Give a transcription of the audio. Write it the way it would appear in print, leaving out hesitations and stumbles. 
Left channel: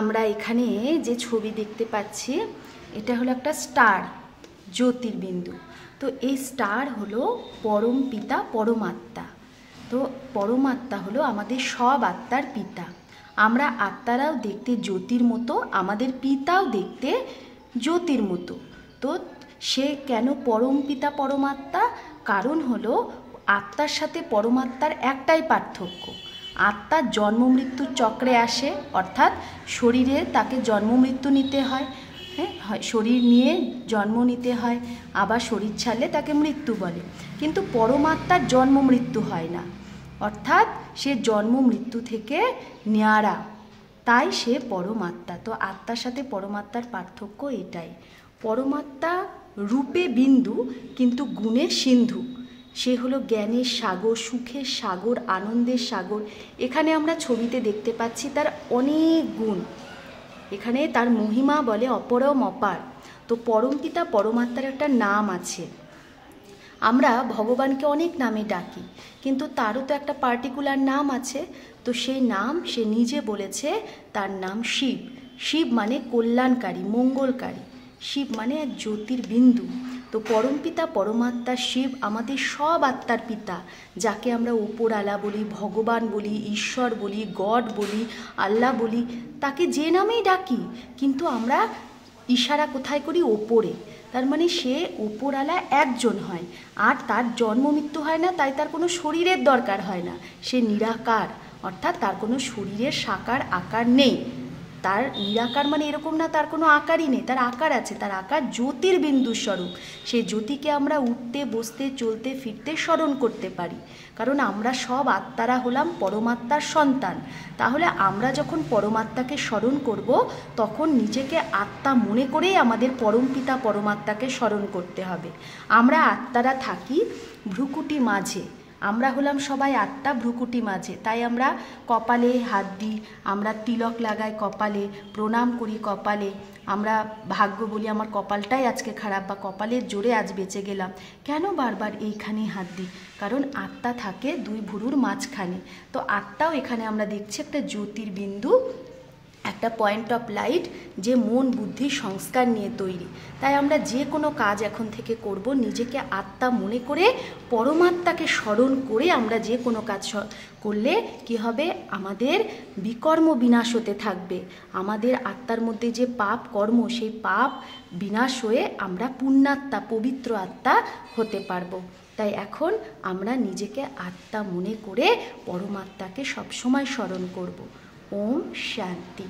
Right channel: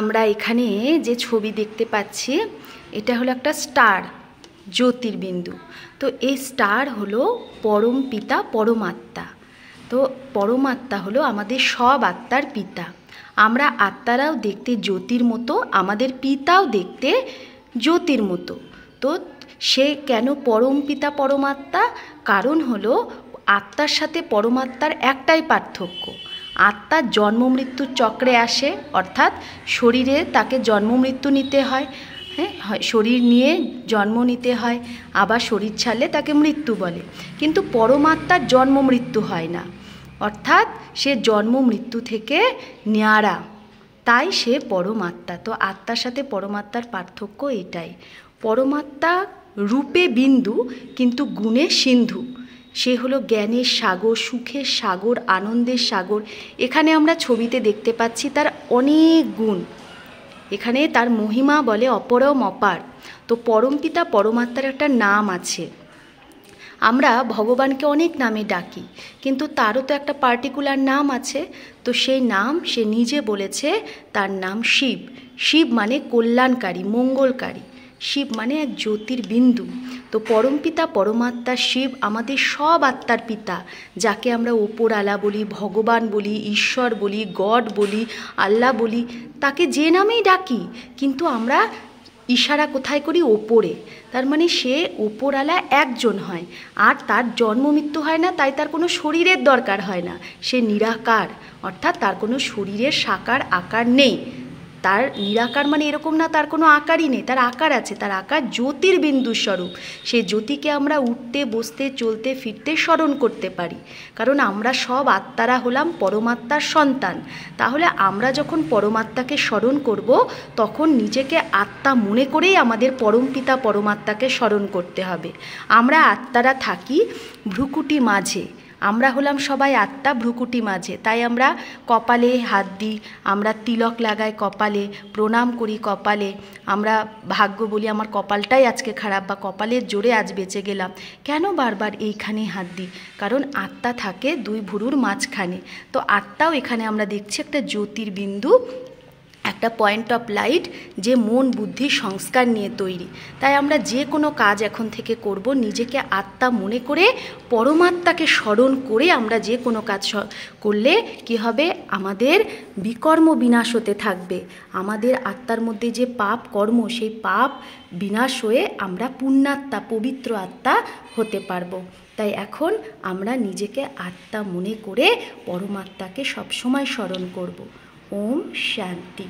আমরা এখানে যে ছবি দেখতে পাচ্ছি এটা হলো একটা স্টার, জ্যোতির্বিন্দু। তো এই স্টার হলো পরম পিতা পরমাত্মা। তো পরমাত্মা হলো আমাদের সব আত্মার পিতা। আমরা আত্মারাও দেখতে জ্যোতির মতো, আমাদের পিতাও দেখতে জ্যোতির মতো। তো সে কেন পরম পিতা পরমাত্মা? কারণ হলো আত্মার সাথে পরমাত্মার একটাই পার্থক্য, আত্মা জন্ম মৃত্যুর চক্রে আসে, অর্থাৎ শরীরে তাকে জন্ম মৃত্যু নিতে হয়। শরীর নিয়ে জন্ম নিতে হয়, আবার শরীর ছাড়লে তাকে মৃত্যু বলে। কিন্তু পরমাত্মার জন্ম মৃত্যু হয় না, অর্থাৎ সে জন্ম মৃত্যু থেকে ন্যাড়া, তাই সে পরমাত্মা। তো আত্মার সাথে পরমাত্মার পার্থক্য এটাই। পরমাত্মা রূপে বিন্দু কিন্তু গুণে সিন্ধু। সে হলো জ্ঞানের সাগর, সুখের সাগর, আনন্দের সাগর। এখানে আমরা ছবিতে দেখতে পাচ্ছি তার অনেক গুণ, এখানে তার মহিমা বলে অপরম অপার। তো পরমপিতা পরমাত্মার একটা নাম আছে। আমরা ভগবানকে অনেক নামে ডাকি, কিন্তু তারও তো একটা পার্টিকুলার নাম আছে। তো সেই নাম সে নিজে বলেছে, তার নাম শিব। শিব মানে কল্যাণকারী, মঙ্গলকারী। শিব মানে এক জ্যোতির্বিন্দু। তো পরমপিতা পরমাত্মা শিব আমাদের সব আত্মার পিতা, যাকে আমরা ওপরওয়ালা বলি, ভগবান বলি, ঈশ্বর বলি, গড বলি, আল্লাহ বলি, তাকে যে নামেই ডাকি, কিন্তু আমরা ইশারা কোথায় করি? ওপরে। তার মানে সে ওপরওয়ালা একজন হয়, আর তার জন্ম মৃত্যু হয় না, তাই তার কোনো শরীরের দরকার হয় না। সে নিরাকার, অর্থাৎ তার কোনো শরীরের সাকার আকার নেই। তার নিরাকার মানে এরকম না তার কোনো আকারই নেই, তার আকার আছে। তার আকার জ্যোতির্বিন্দু স্বরূপ। সেই জ্যোতিকে আমরা উঠতে বসতে চলতে ফিরতে স্মরণ করতে পারি, কারণ আমরা সব আত্মারা হলাম পরমাত্মার সন্তান। তাহলে আমরা যখন পরমাত্মাকে স্মরণ করব, তখন নিজেকে আত্মা মনে করেই আমাদের পরমপিতা পরমাত্মাকে স্মরণ করতে হবে। আমরা আত্মারা থাকি ভ্রুকুটি মাঝে, আমরা হলাম সবাই আত্মা ভ্রুকুটি মাঝে। তাই আমরা কপালে হাত দিই, আমরা তিলক লাগাই কপালে, প্রণাম করি কপালে, আমরা ভাগ্য বলি আমার কপালটাই আজকে খারাপ, বা কপালের জোরে আজ বেঁচে গেলাম। কেন বারবার এইখানেই হাত দিই? কারণ আত্মা থাকে দুই ভুরুর মাঝখানে। তো আত্মাও এখানে আমরা দেখছি একটা জ্যোতির্বিন্দু, একটা পয়েন্ট অফ লাইট, যে মন বুদ্ধি সংস্কার নিয়ে তৈরি। তাই আমরা যে কোনো কাজ এখন থেকে করব, নিজেকে আত্মা মনে করে পরমাত্মাকে স্মরণ করে আমরা যে কোনো কাজ করলে কি হবে? আমাদের বিকর্ম বিনাশ হতে থাকবে। আমাদের আত্মার মধ্যে যে পাপ কর্ম, সেই পাপ বিনাশ হয়ে আমরা পুণ্যাত্মা, পবিত্র আত্মা হতে পারবো। তাই এখন আমরা নিজেকে আত্মা মনে করে পরমাত্মাকে সবসময় স্মরণ করব। ওম শান্তি।